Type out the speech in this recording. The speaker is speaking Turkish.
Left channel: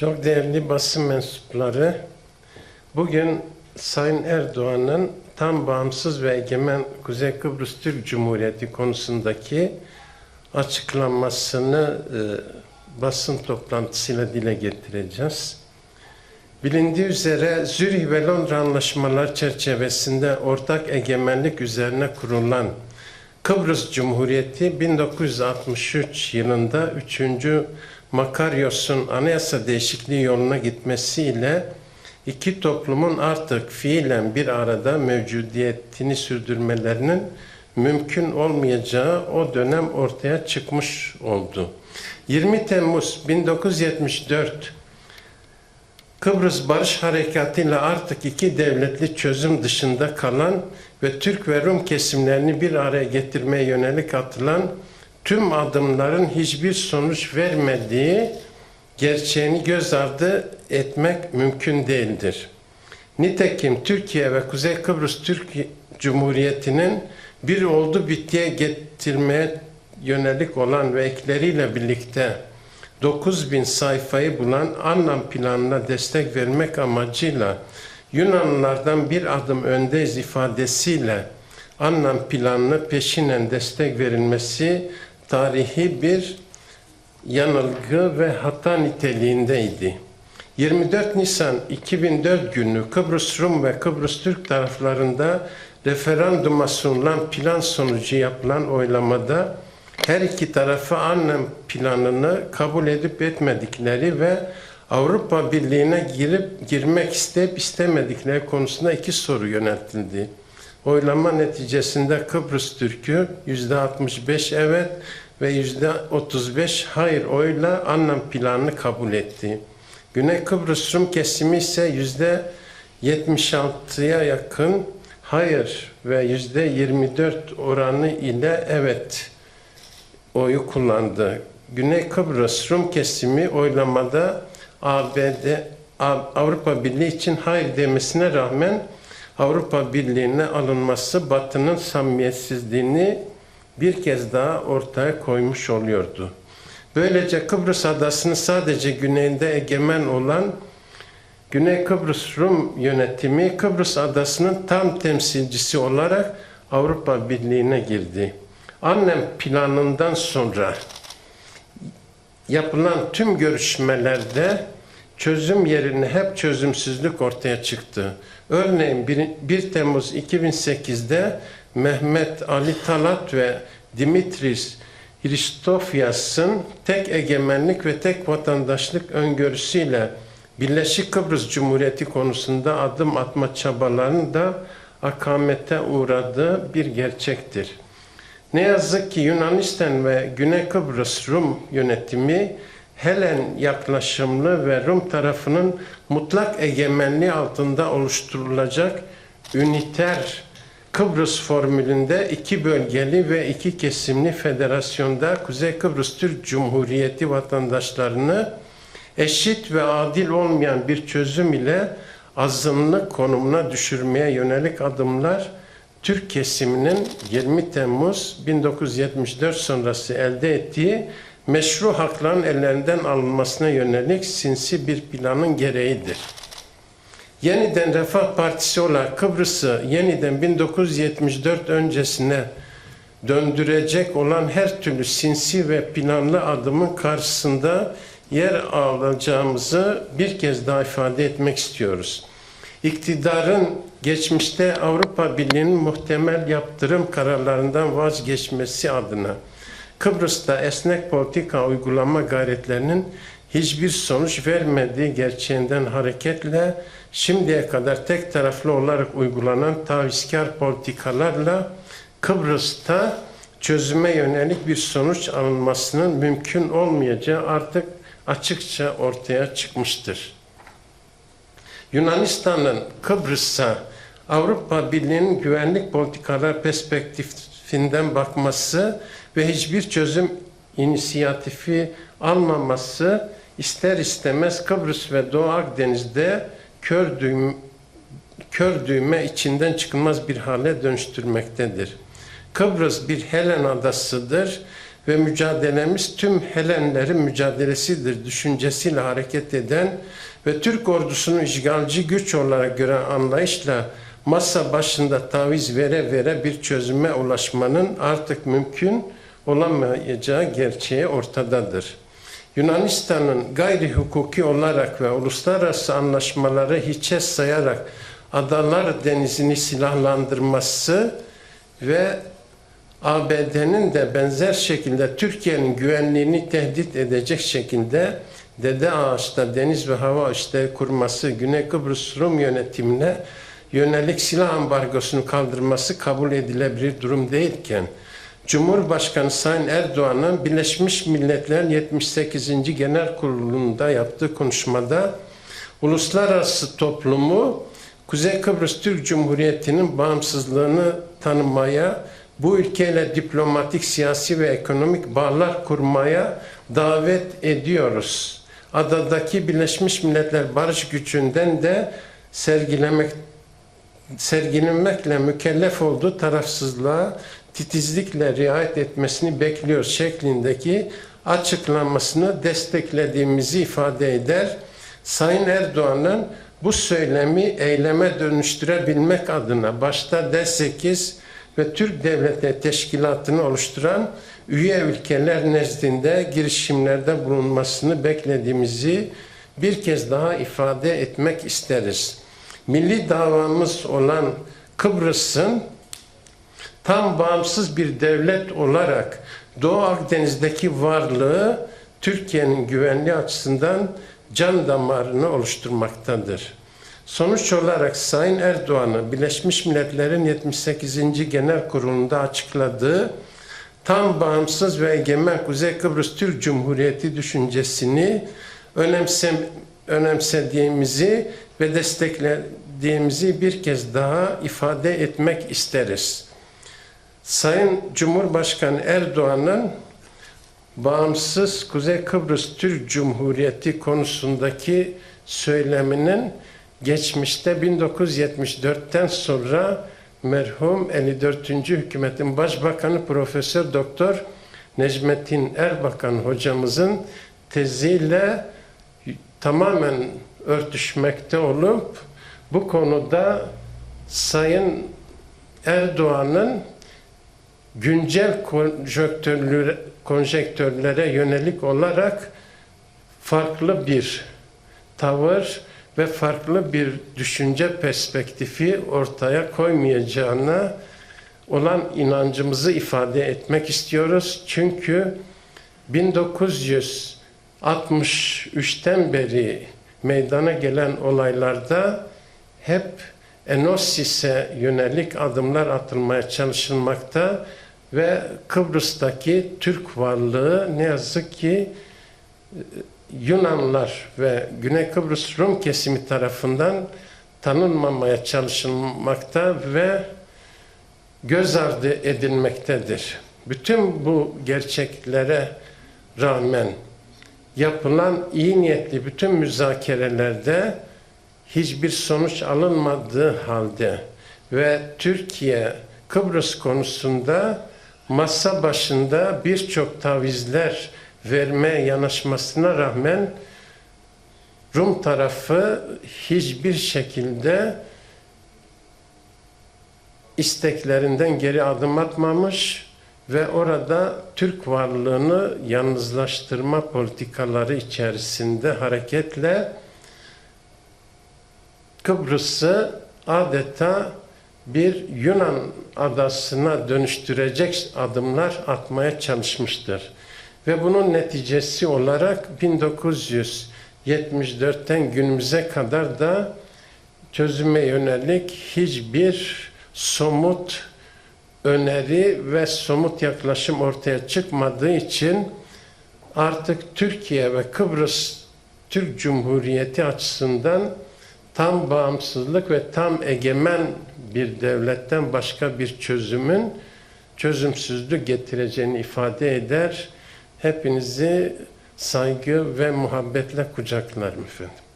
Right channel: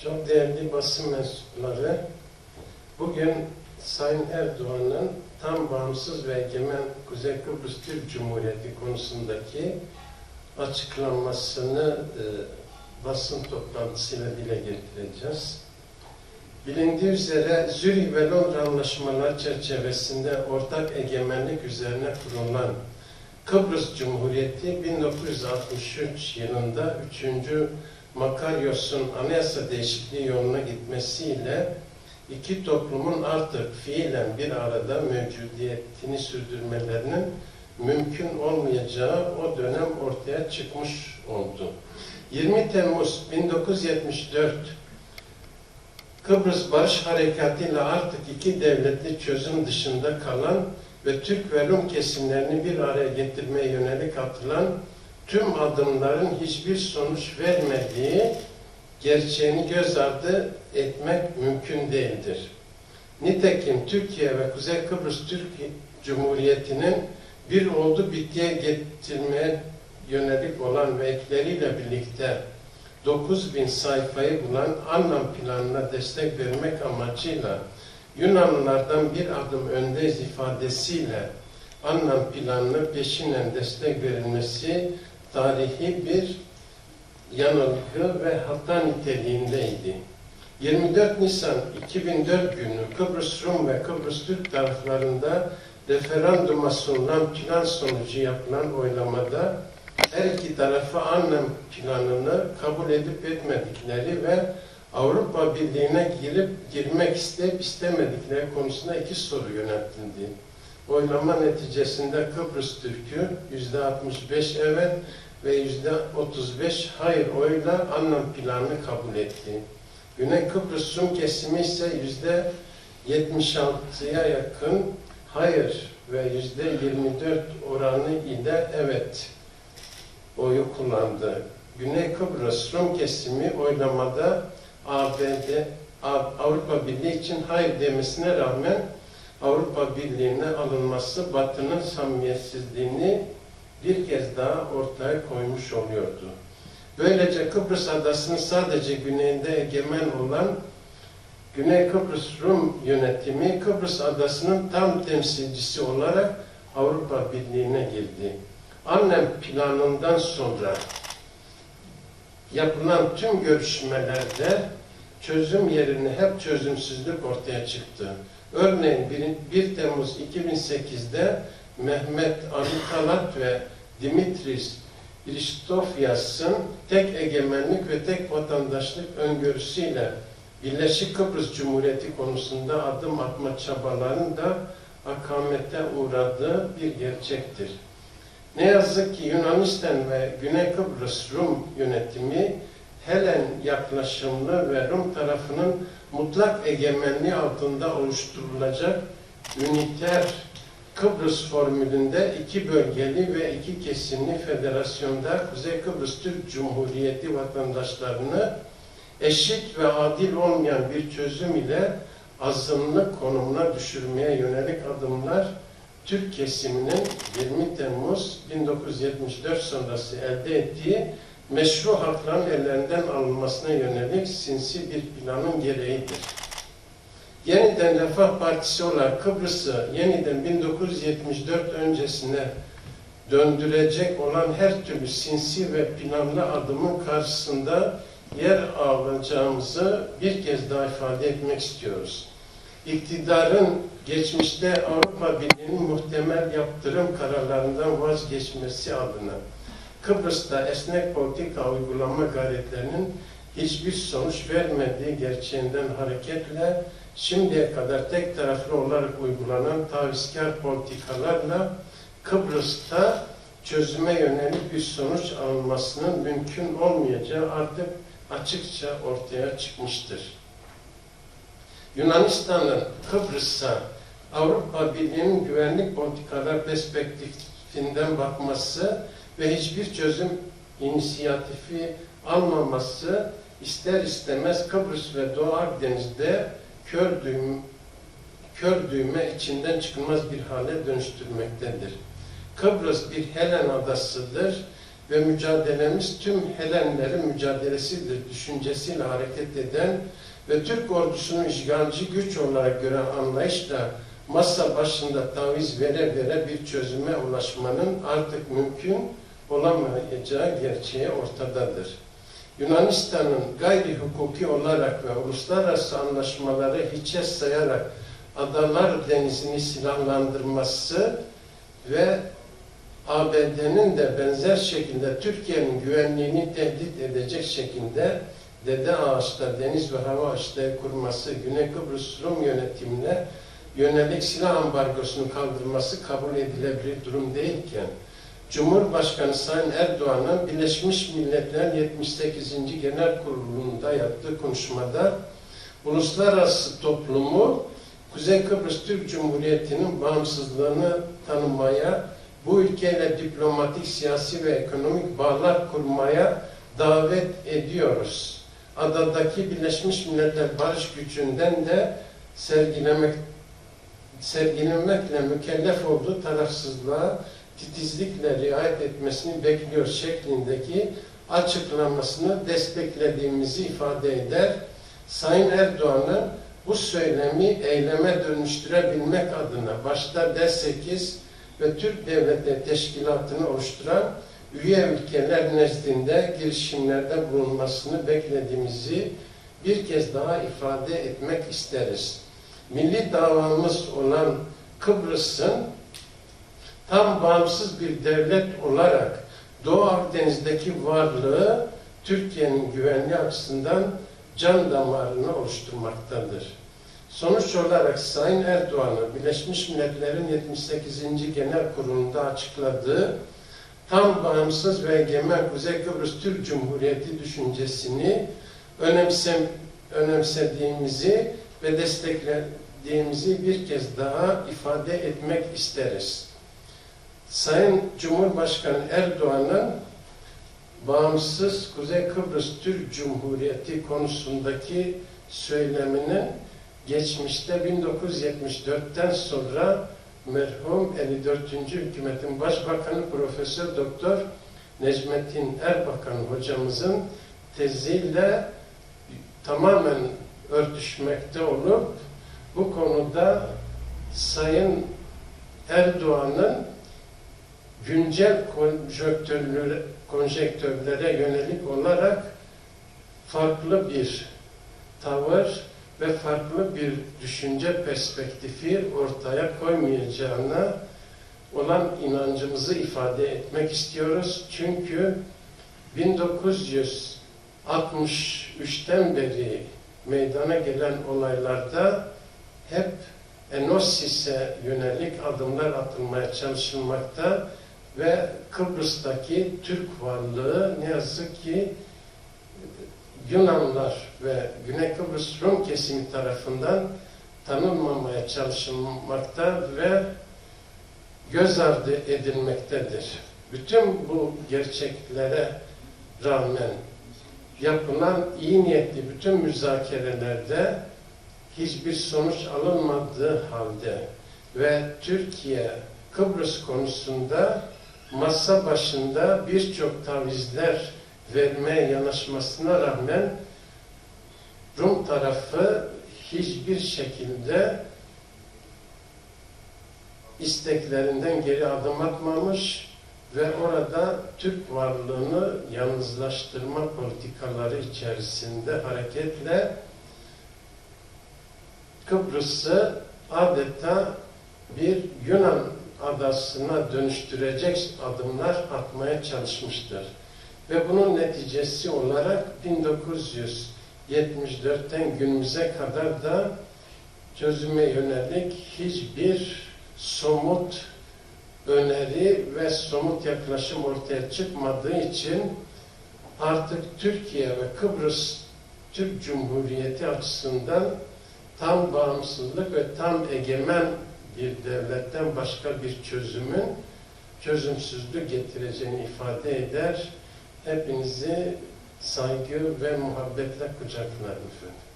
Çok değerli basın mensupları, bugün Sayın Erdoğan'ın tam bağımsız ve egemen Kuzey Kıbrıs Türk Cumhuriyeti konusundaki açıklamasını e, basın toplantısıyla dile getireceğiz. Bilindiği üzere Zürih ve Londra anlaşmaları çerçevesinde ortak egemenlik üzerine kurulan Kıbrıs Cumhuriyeti 1963 yılında 3. Makaryos'un anayasa değişikliği yoluna gitmesiyle iki toplumun artık fiilen bir arada mevcudiyetini sürdürmelerinin mümkün olmayacağı o dönem ortaya çıkmış oldu. 20 Temmuz 1974 Kıbrıs Barış Harekatı ile artık iki devletli çözüm dışında kalan ve Türk ve Rum kesimlerini bir araya getirmeye yönelik atılan tüm adımların hiçbir sonuç vermediği gerçeğini göz ardı etmek mümkün değildir. Nitekim Türkiye ve Kuzey Kıbrıs Türk Cumhuriyeti'nin bir oldu bittiye getirmeye yönelik olan ve ekleriyle birlikte 9000 sayfayı bulan anlam planına destek vermek amacıyla Yunanlılardan bir adım öndeyiz ifadesiyle anlam planına peşinen destek verilmesi tarihi bir yanılgı ve hata niteliğindeydi. 24 Nisan 2004 günü Kıbrıs Rum ve Kıbrıs Türk taraflarında referanduma sunulan plan sonucu yapılan oylamada her iki tarafa anlam planını kabul edip etmedikleri ve Avrupa Birliği'ne girip girmek isteyip istemedikleri konusunda iki soru yöneltildi. Oylama neticesinde Kıbrıs Türk'ü yüzde 65 evet ve yüzde 35 hayır oyla anlam planını kabul etti. Güney Kıbrıs Rum kesimi ise yüzde 76'ya yakın hayır ve yüzde 24 oranı ile evet oyu kullandı. Güney Kıbrıs Rum kesimi oylamada ABD Avrupa Birliği için hayır demesine rağmen Avrupa Birliği'ne alınması Batı'nın samimiyetsizliğini bir kez daha ortaya koymuş oluyordu. Böylece Kıbrıs adasını sadece güneyinde egemen olan Güney Kıbrıs Rum yönetimi Kıbrıs adasının tam temsilcisi olarak Avrupa Birliği'ne girdi. Annem planından sonra yapılan tüm görüşmelerde çözüm yerine hep çözümsüzlük ortaya çıktı. Örneğin 1 Temmuz 2008'de Mehmet Ali Talat ve Dimitris Hristofyas'ın tek egemenlik ve tek vatandaşlık öngörüsüyle Birleşik Kıbrıs Cumhuriyeti konusunda adım atma çabalarının da akamete uğradığı bir gerçektir. Ne yazık ki Yunanistan ve Güney Kıbrıs Rum yönetimi Helen yaklaşımlı ve Rum tarafının mutlak egemenliği altında oluşturulacak üniter Kıbrıs formülünde iki bölgeli ve iki kesimli federasyonda Kuzey Kıbrıs Türk Cumhuriyeti vatandaşlarını eşit ve adil olmayan bir çözüm ile azınlık konumuna düşürmeye yönelik adımlar Türk kesiminin 20 Temmuz 1974 sonrası elde ettiği meşru hakların ellerinden alınmasına yönelik sinsi bir planın gereğidir. Yeniden Refah Partisi olarak Kıbrıs'ı yeniden 1974 öncesine döndürecek olan her türlü sinsi ve planlı adımın karşısında yer alacağımızı bir kez daha ifade etmek istiyoruz. İktidarın geçmişte Avrupa Birliği'nin muhtemel yaptırım kararlarından vazgeçmesi adına Kıbrıs'ta esnek politika uygulama gayretlerinin hiçbir sonuç vermediği gerçeğinden hareketle şimdiye kadar tek taraflı olarak uygulanan tavizkar politikalarla Kıbrıs'ta çözüme yönelik bir sonuç alınmasının mümkün olmayacağı artık açıkça ortaya çıkmıştır. Yunanistan'ın Kıbrıs'a Avrupa Birliği'nin güvenlik politikalar perspektifinden bakması ve hiçbir çözüm inisiyatifi almaması ister istemez Kıbrıs ve Doğu Akdeniz'de kör, düğüm, kör düğme içinden çıkılmaz bir hale dönüştürmektedir. Kıbrıs bir Helen adasıdır ve mücadelemiz tüm Helenlerin mücadelesidir düşüncesiyle hareket eden ve Türk ordusunu işgalci güç olarak gören anlayışla masa başında taviz vere vere bir çözüme ulaşmanın artık mümkün olamayacağı gerçeği ortadadır. Yunanistan'ın gayri hukuki olarak ve uluslararası anlaşmaları hiçe sayarak Adalar Denizi'ni silahlandırması ve ABD'nin de benzer şekilde Türkiye'nin güvenliğini tehdit edecek şekilde Dede Ağaç'ta deniz ve hava işleri kurması, Güney Kıbrıs Rum yönetimine yönelik silah ambargosunu kaldırması kabul edilebilir durum değilken, Cumhurbaşkanı Sayın Erdoğan'ın Birleşmiş Milletler'in 78. Genel Kurulu'nda yaptığı konuşmada uluslararası toplumu Kuzey Kıbrıs Türk Cumhuriyeti'nin bağımsızlığını tanımaya, bu ülkeyle diplomatik, siyasi ve ekonomik bağlar kurmaya davet ediyoruz. Adadaki Birleşmiş Milletler Barış Gücü'nden de sergilemek sergilenmekle mükellef olduğu tarafsızlığa titizlikle riayet etmesini bekliyoruz şeklindeki açıklamasını desteklediğimizi ifade eder. Sayın Erdoğan'ın bu söylemi eyleme dönüştürebilmek adına başta D8 ve Türk Devleti Teşkilatı'nı oluşturan üye ülkeler nezdinde girişimlerde bulunmasını beklediğimizi bir kez daha ifade etmek isteriz. Milli davamız olan Kıbrıs'ın tam bağımsız bir devlet olarak Doğu Akdeniz'deki varlığı Türkiye'nin güvenliği açısından can damarını oluşturmaktadır. Sonuç olarak Sayın Erdoğan'ın Birleşmiş Milletler'in 78. Genel Kurulu'nda açıkladığı tam bağımsız ve egemen Kuzey Kıbrıs Türk Cumhuriyeti düşüncesini önemsem, önemsediğimizi ve desteklediğimizi bir kez daha ifade etmek isteriz. Sayın Cumhurbaşkanı Erdoğan'ın bağımsız Kuzey Kıbrıs Türk Cumhuriyeti konusundaki söyleminin geçmişte 1974'ten sonra merhum 54. hükümetin başbakanı Profesör Doktor Necmettin Erbakan hocamızın teziyle tamamen örtüşmekte olup bu konuda Sayın Erdoğan'ın güncel konjonktürlere, konjektörlere yönelik olarak farklı bir tavır ve farklı bir düşünce perspektifi ortaya koymayacağına olan inancımızı ifade etmek istiyoruz. Çünkü 1963'ten beri meydana gelen olaylarda hep Enosis'e yönelik adımlar atılmaya çalışılmakta ve Kıbrıs'taki Türk varlığı ne yazık ki Yunanlar ve Güney Kıbrıs Rum kesimi tarafından tanınmamaya çalışılmakta ve göz ardı edilmektedir. Bütün bu gerçeklere rağmen yapılan iyi niyetli bütün müzakerelerde hiçbir sonuç alınmadığı halde ve Türkiye Kıbrıs konusunda masa başında birçok tavizler vermeye yanaşmasına rağmen Rum tarafı hiçbir şekilde isteklerinden geri adım atmamış ve orada Türk varlığını yalnızlaştırma politikaları içerisinde hareketle Kıbrıs'ı adeta bir Yunan adasına dönüştürecek adımlar atmaya çalışmıştır. Ve bunun neticesi olarak 1974'ten günümüze kadar da çözüme yönelik hiçbir somut öneri ve somut yaklaşım ortaya çıkmadığı için artık Türkiye ve Kıbrıs Türk Cumhuriyeti açısından tam bağımsızlık ve tam egemen bir devletten başka bir çözümün çözümsüzlük getireceğini ifade eder. Hepinizi saygı ve muhabbetle kucaklarım efendim.